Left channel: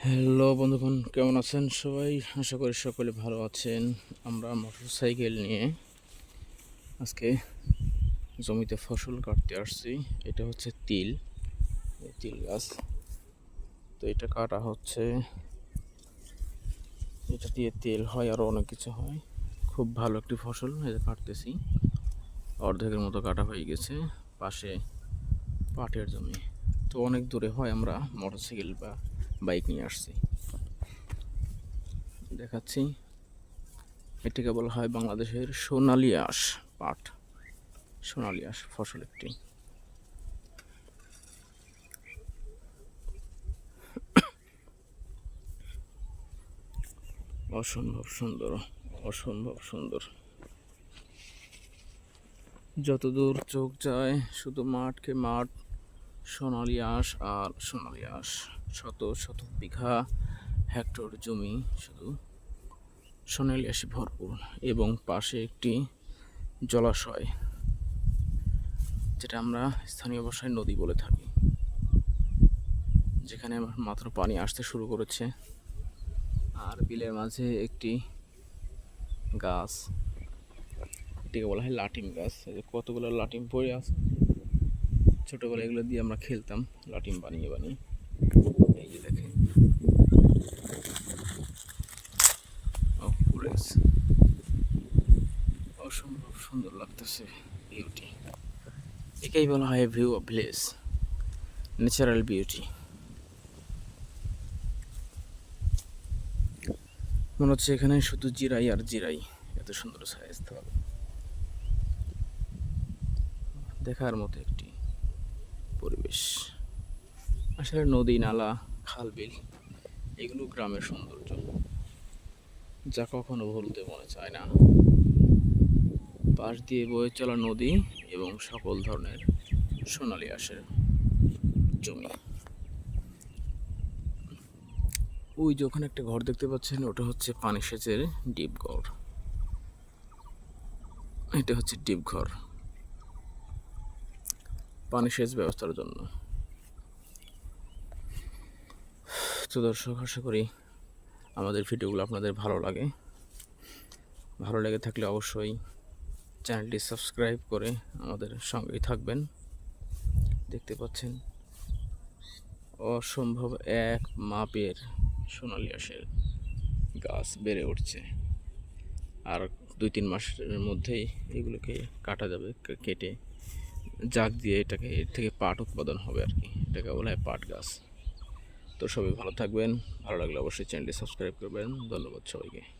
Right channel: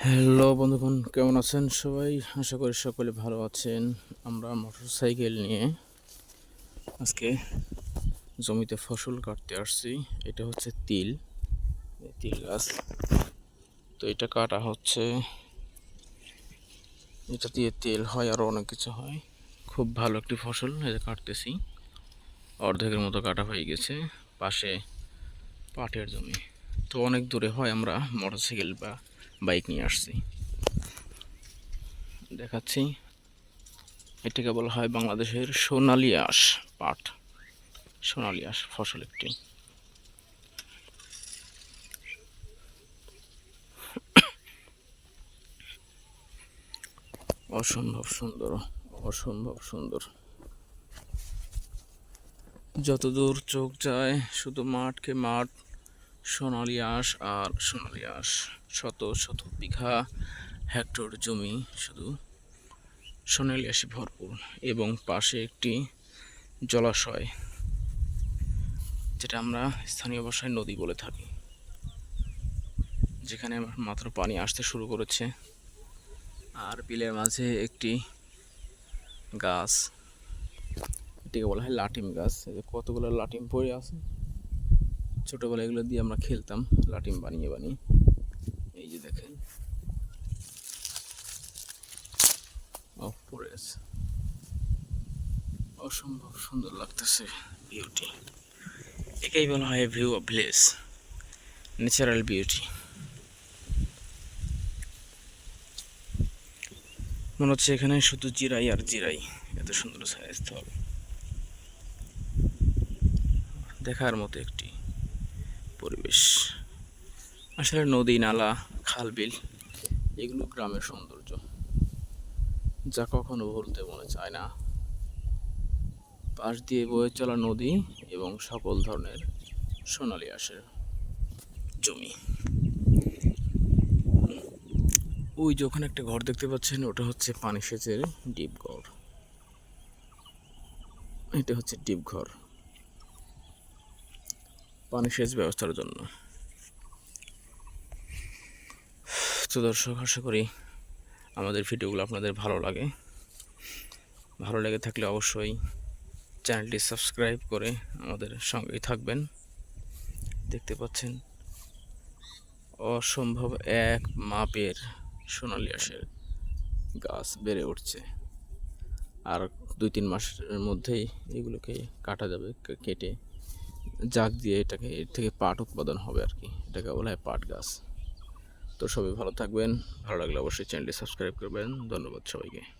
Hello বন্ধুগণ, কেমন আছেন সবাই? আশা করি সকলে ভালো আছেন। আমরা মোটর সাইকেল নিয়ে আজকে জমিতে ফসল কাটতে আসছি। এটা হচ্ছে তিল তিল গাছ। তো এটা কাটা হচ্ছে। এটা দিয়ে তেল হয় আরও অনেক কিছু হয়। খুব ভালো একটি ফসল এটা কাটতেছি। অর্ধেকের মতো কাটা হয়ে গেছে পাশে পাটের জমি। তো অনেক দূরে হয় আমরা মোটর সাইকেল বা বাইক নিয়ে আসছি। দেখাচ্ছি। এটাকে বলা হয় বাংলাদেশের সোনালী আঁশ পাট। সোনালী আঁশ ফসল একটি। অসম্ভব সুন্দর অসম্ভব সুন্দর। যতদূর চোখ যায়, শুধু মাঠকে মাঠ সোনালী আঁশ আর সোনালী আঁশ। শত শত বিঘা হেক্টর জমি শুধু সোনালী আঁশে ভরপুর এবং পাশে একটি জলাশয়, যেটা আমরা স্থানীয় ভাষায় নদী বলে থাকি, যেখানে মাত্র পানি আসতে শুরু করেছে। আর বিলের মাঝে একটি গাছ, এটিকে বলা হয় লাটিম গাছ। কতগুলো লাটিম পড়ে আছে? ছোটোবেলায় এগুলো দিয়ে আমরা খেলতাম, লাটিম বানিয়ে বানিয়ে। এই অসম্ভব সুন্দর লাগতেছে বিউটি। একেই বলা হয় view of village natural beauty মনে হচ্ছে এখানে শুধু জিরাই আর জিরাই, এত সুন্দর স্থল দেখার মতো একটি পরিবেশ। আসলে নদী, নালা, খাল, বিল, এগুলো গ্রামের সৌন্দর্য। যা কখনো ভুলতে মনে চায় না। পাশ দিয়ে বয়ে চলা নদী এবং সকল ধরনের সোনালি আঁশের জমি। ওই যে ওখানে একটা ঘর দেখতে পাচ্ছেন, ওটা হচ্ছে পানি সেচের ডিপ ঘর এটা হচ্ছে ডিপ ঘর পানি সেচ ব্যবস্থার জন্য। তো দর্শক, আশা করি আমাদের ভিডিওগুলো আপনাদের ভালো লাগে। ভালো লেগে থাকলে অবশ্যই চ্যানেলটি সাবস্ক্রাইব করে আমাদের সঙ্গেই থাকবেন। দেখতে পাচ্ছেন অসম্ভব এক মাপের সোনালি আঁশের গাছ বেড়ে উঠছে। আর দুই তিন মাসের মধ্যেই এগুলোকে কাটা যাবে কেটে জাগ দিয়ে এটাকে, এর থেকে পাট উৎপাদন হবে আর কি। এটাকে বলা হয় পাট গাছ। তো সবাই ভালো থাকবেন, ভালো লাগলে অবশ্যই চ্যানেলটি সাবস্ক্রাইব করবেন। ধন্যবাদ সবাইকে।